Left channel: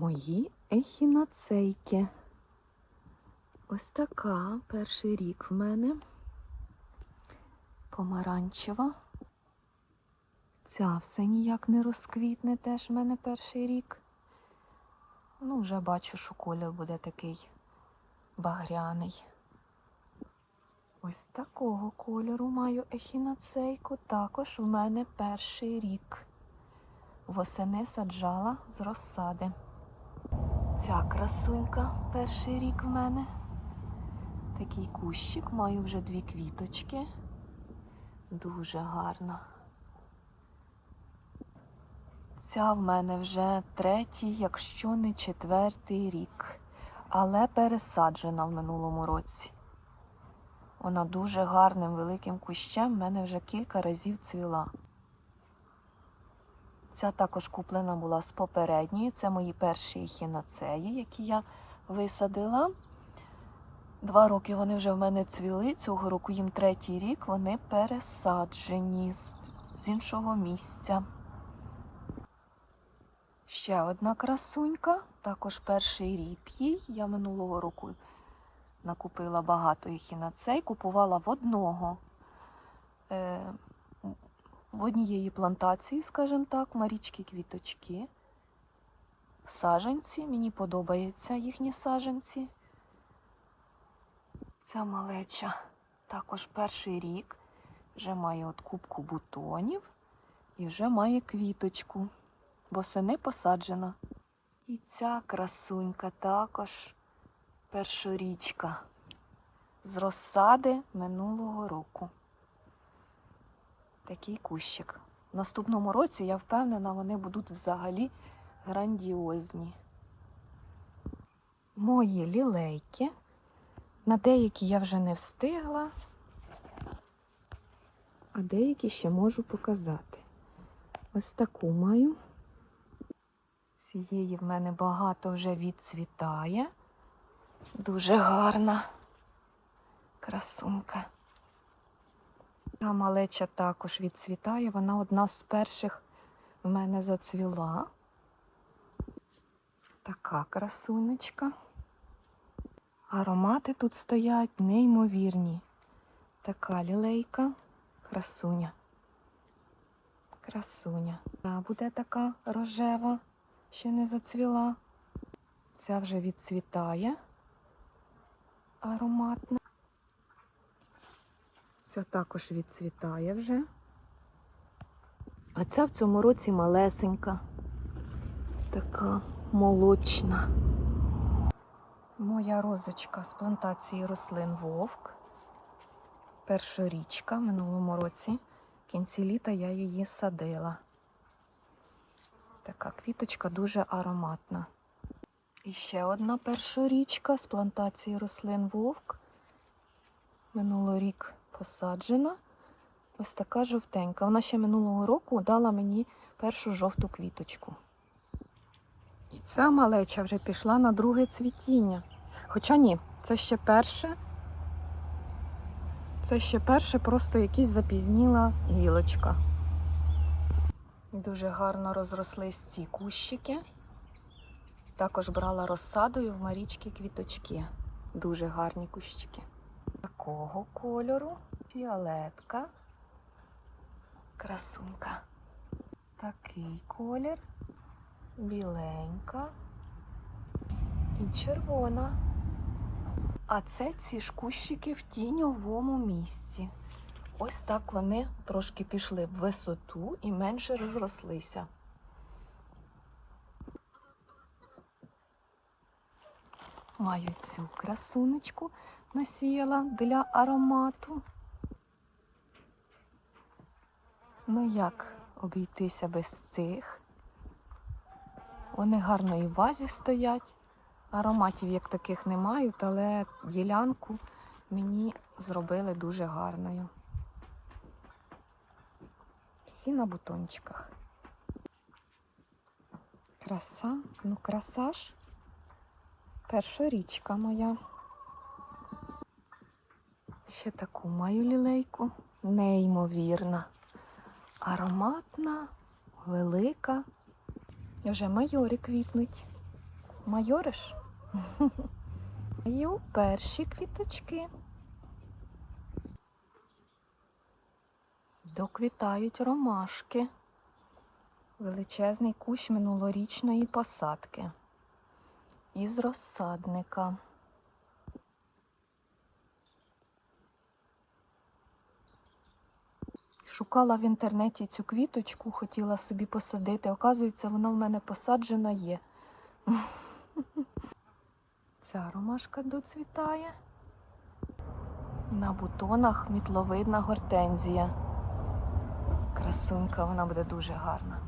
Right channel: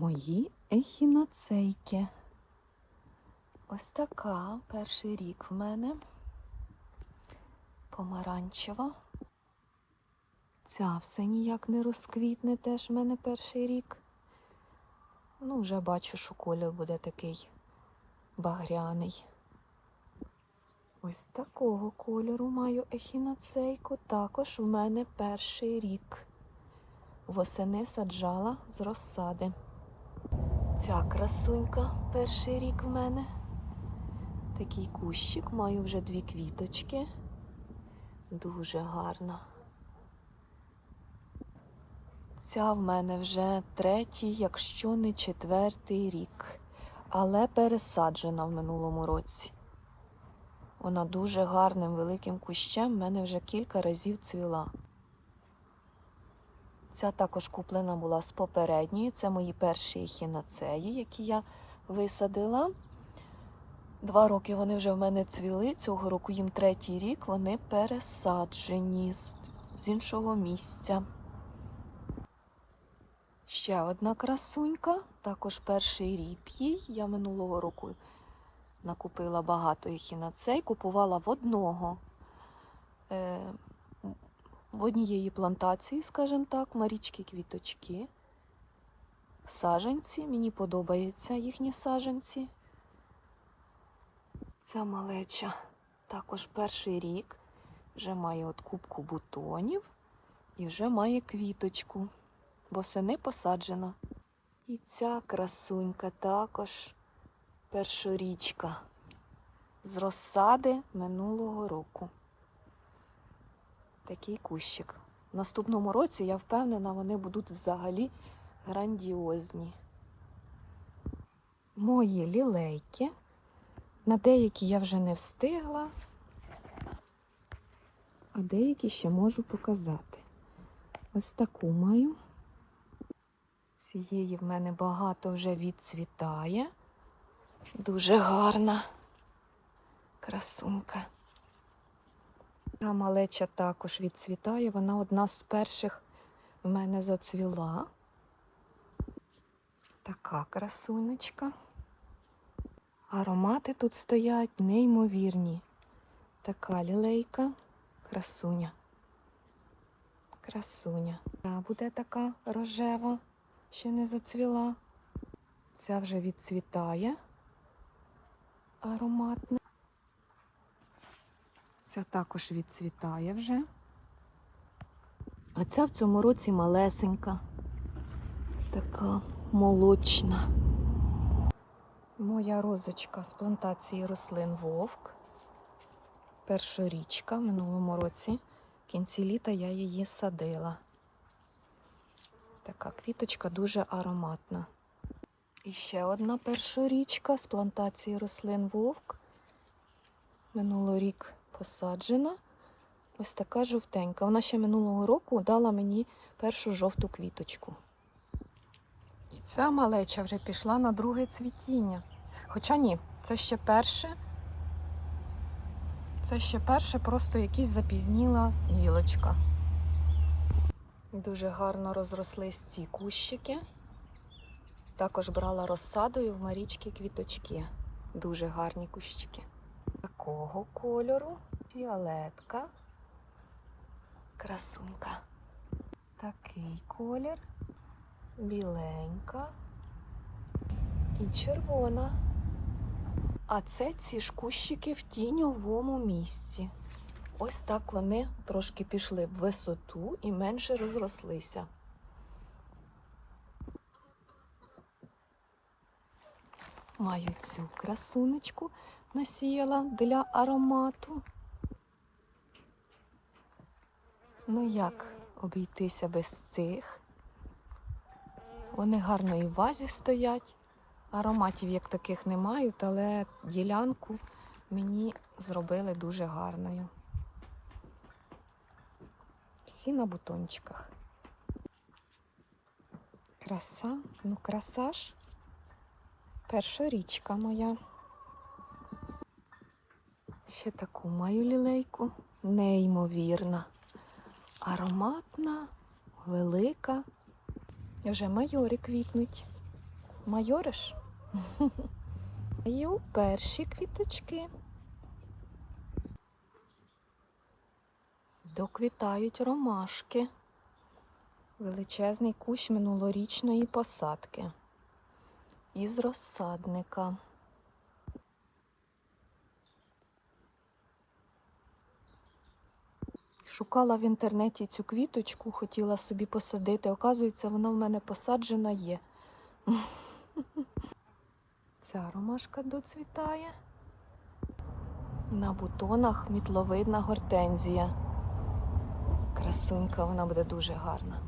Мої ехінацейки. Ось така перший рік в мене. Помаранчева. Ця все ніяк не розквітне, теж в мене перший рік. Ну, вже бачу, що колір буде такий багряний. Ось такого кольору маю ехінацейку. Також в мене перший рік. Восени саджала з розсади. Ця красунька перший рік в мене. Такий кущик, маю вже дві квіточки. Дуже гарна. Ця в мене вже третій, якщо не четвертий рік, але пересаджена в минулому році. Вона дуже гарним великим кущем в мене вже кілька разів цвіла. Ця також куплена була з попередньої. Це мої перші ехінацеї, які я висадила. Два роки вони вже в мене цвіли. Цього року їм третій рік, вони пересаджені з, іншого місця. Ще одна красунька, також перший рік їй. Я минулого року накупила багато ехінацей, купувала в одного. В однієї плантації, скажімо так, Марічки квіточки. Саженці. Мені подобаються їхні саженці. Ця малеча також перший рік. Вже має от кубку бутонів і вже має квіточку. Восени посаджена. І ця красунька також першорічка з розсади минулого року такий кущик. В наступному році, я впевнена, вони будуть взагалі грандіозні. Мої лілейки. На деякі я вже не встигла, а деякі ще можу показати. Ось таку маю. Цієї в мене багато вже відцвітає. Дуже гарна красунка. Та малеча також відцвітає. Вона одна з перших в мене зацвіла. Така красунечка. Аромати тут стоять неймовірні. Така лілейка, красуня. Красуня. Та буде така рожева, ще не зацвіла. Ця вже відцвітає ароматна. Ця також відцвітає вже. А ця в цьому році малесенька, така молочна. Моя розочка з плантації рослин Вовк. Першорічка в минулому році. В кінці літа я її садила. Така квіточка дуже ароматна. І ще одна першорічка з плантації рослин Вовк. Минулорік посаджена. Ось така жовтенька. Вона ще минулого року дала мені першу жовту квіточку. І ця малеча вже пішла на друге цвітіння. Хоча ні, це ще перше. Це ще перше, просто якась запізніла гілочка. Дуже гарно розрослись ці кущики. Також брала розсадою в Марічки квіточки. Дуже гарні кущики. Такого кольору фіолетка, красунка. Такий колір, біленька і червона. А це ці ж кущики в тіньовому місці. Ось так вони трошки пішли в висоту і менше розрослися. Маю цю красунечку насіяла для аромату. Ну як обійтися без цих? Вони гарно і в вазі стоять. Ароматів як таких не мають, але ділянку мені зробили дуже гарною. Всі на бутончиках. Краса, ну краса ж. Перша річка моя. Ще таку маю лілейку. Неймовірна. Ароматна, велика. Вже майори квітнуть. Майориш? І перші квіточки. Доквітають ромашки. Величезний кущ минулорічної посадки. Із розсадника. Шукала в інтернеті цю квіточку, хотіла собі посадити. Оказується, вона в мене посаджена є. Ця ромашка доцвітає. На бутонах мітловидна гортензія. Красунка, вона буде дуже гарна.